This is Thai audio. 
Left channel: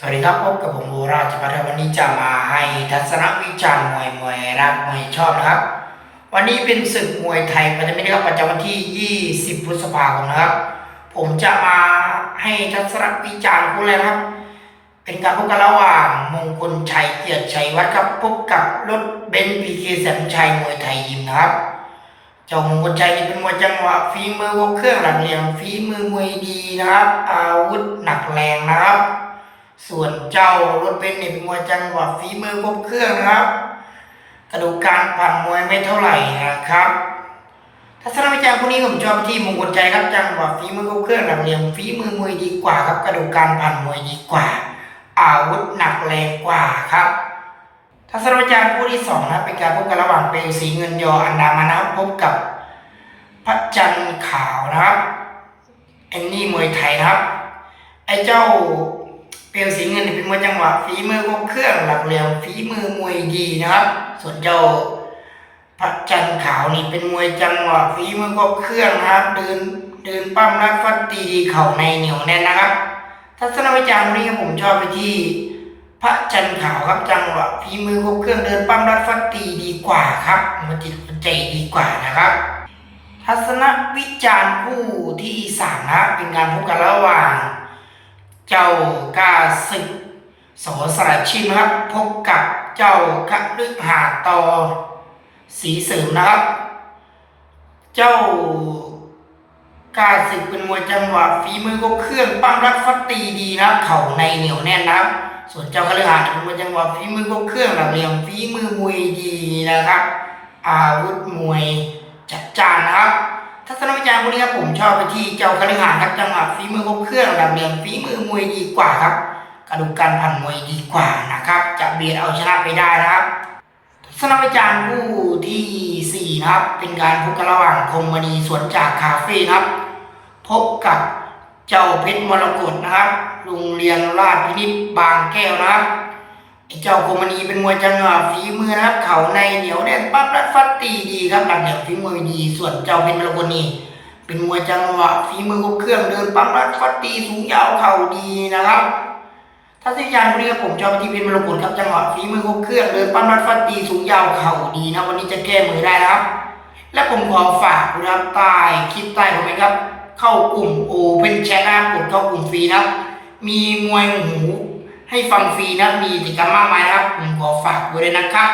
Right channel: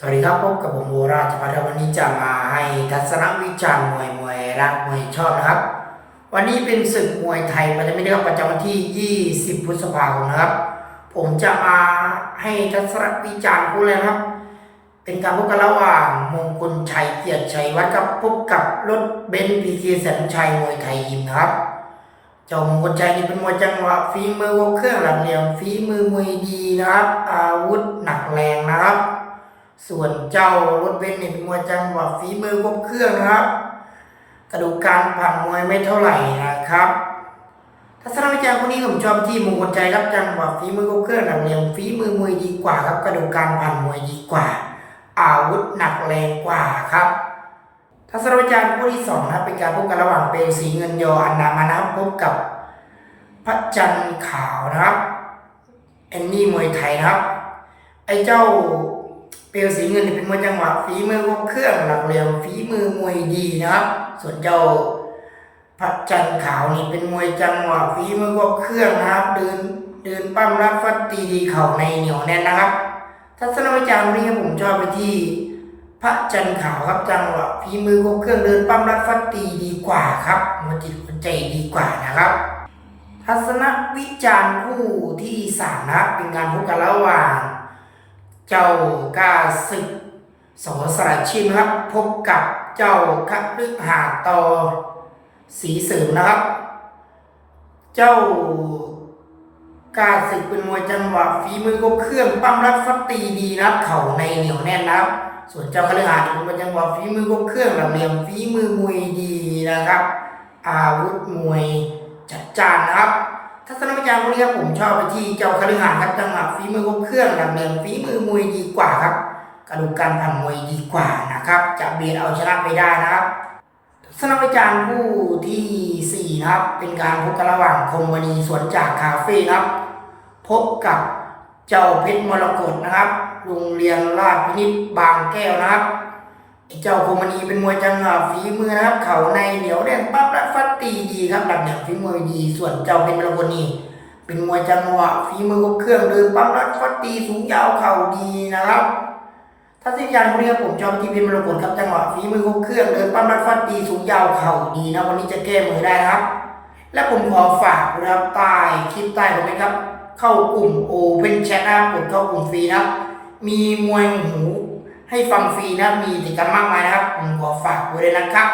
สวัสดีครับพบกับผมโอราชพัฒน์วันนี้จะมาให้ทัศนวิจารณ์มวยมวยรักมวยชอบนะครับ วันนี้เป็นศึกมวยไทยมันจะไม่ได้ครับประจำวันที่ 20 พฤษภาคมนะครับ ผมจะมาให้ทัศนวิจารณ์คู่เลยครับ เป็นการพบกันระหว่างมงคลชัยเกียรติชัยวัฒน์ครับพบกับรถเบนซ์พีเคแสนชัยมวยไทยยิมนะครับเจ้ามงคลชัยนี่เป็นมวยจังหวะฝีมือครบเครื่องหลักเหลี่ยมฝีมือมวยดีนะครับ อาวุธหนักแรงนะครับ ส่วนเจ้ารถเบนซ์เนี่ยเป็นมวยจังหวะฝีมือครบเครื่องครับ กระดูกการผ่นมวยไม่เท่าไหร่นะครับทัศนวิจารณ์คนนี้ผมชอบที่มงคลใจครับจังหวะฝีมือครบเครื่องหลักเหลี่ยมฝีมือมวยดีกว่าครับ กระดูกการผ่นมวยดีกว่า อาวุธหนักแรงกว่าครับทัศนวิจารณ์คู่ที่สองนะครับเป็นการพบกันระหว่างเปลวสีเงินยออันดามานะพบกับพระจันทร์ขาวนะครับแอนนี่มวยไทยนะครับ ไอ้เจ้า เปลวสีเงินนี่เป็นมวยจังหวะฝีมือครบเครื่องหลักเหลี่ยมฝีมือมวยดีนะครับ ส่วนเจ้าพระจันทร์ขาวนี่เป็นมวยจังหวะฝีมือครบเครื่องนะครับ เดินเดินปั้มรัดฟัดตีเข่าในเหนียวแน่นนะครับ ทัศนวิจารณ์นี้ครับผมชอบไปที่ พระจันทร์ขาวครับจังหวะฝีมือครบเครื่องเดินปั้มรัดฟัดตีดีกว่าครับมันจิตมันใจดีกว่านะครับทัศนวิจารณ์คู่ที่สามนะเป็นการพบกันระหว่าง เจ้ากาศึกโสสระชิมนะครับพบกับเจ้าคฤหาตอสีเสริมนะครับ เจ้ากาศึกเป็นมวยจังหวะฝีมือครบเครื่องปั้มรัดฟัดตีดีนะเข่าในเหนียวแน่นนะครับ ส่วนเจ้าคฤหาสน์เป็นมวยจังหวะฝีมือครบเครื่องหลักเหลี่ยมฝีมือมวยดีนะครับ อาวุธมวยจัดจ้านนะครับ ทัศนวิจารณ์พวกนี้ครับผมชอบไปที่เจ้าคฤหานครับจังหวะฝีมือครบเครื่องหลักเหลี่ยมฝีมือมวยดีกว่าครับกระดูกการผ่านมวยดีกว่านะครับ จะเบียดเอาชนะไปได้นะครับทัศนวิจารณ์คู่ที่สี่นะครับ เป็นการพบกันระหว่างคมมณีสวนจากคาเฟ่ครับ พบกับเจ้าเพชรมรกตนะครับ โรงเรียนราชพินิจบางแก้วนะครับ เจ้าคมมณีเป็นมวยจังหวะฝีมือนะครับ เข่าในเหนียวแน่นปั๊บรัดฟัดตีดีครับหลักเหลี่ยมฝีมือดี ส่วนเจ้าเพชรมรกนีเป็นมวยจังหวะฝีมือครบเครื่องเดินปั๊บรัดฟัดตีสูงยาวเข่าดีนะครับถ้าสิยานพวกนี้ครับผมชอบไปที่เพชรมรกตครับจังหวะฝีมือครบเครื่องเดินปั้มรัดฟัดตีสูงยาวเข่าดีนะวันนี้จะแก้มือได้นะครับ และผมขอฝากนะครับใต้คลิปใต้คอมเมนต์ครับ เข้ากลุ่มโอเป็นแชทนะครับกดเข้ากลุ่มฟรีนะครับมีมวยหู ให้ฟังฟรีนะครับมีกิจกรรมมากมายนะครับ ผมขอฝากไว้เลยนะครับ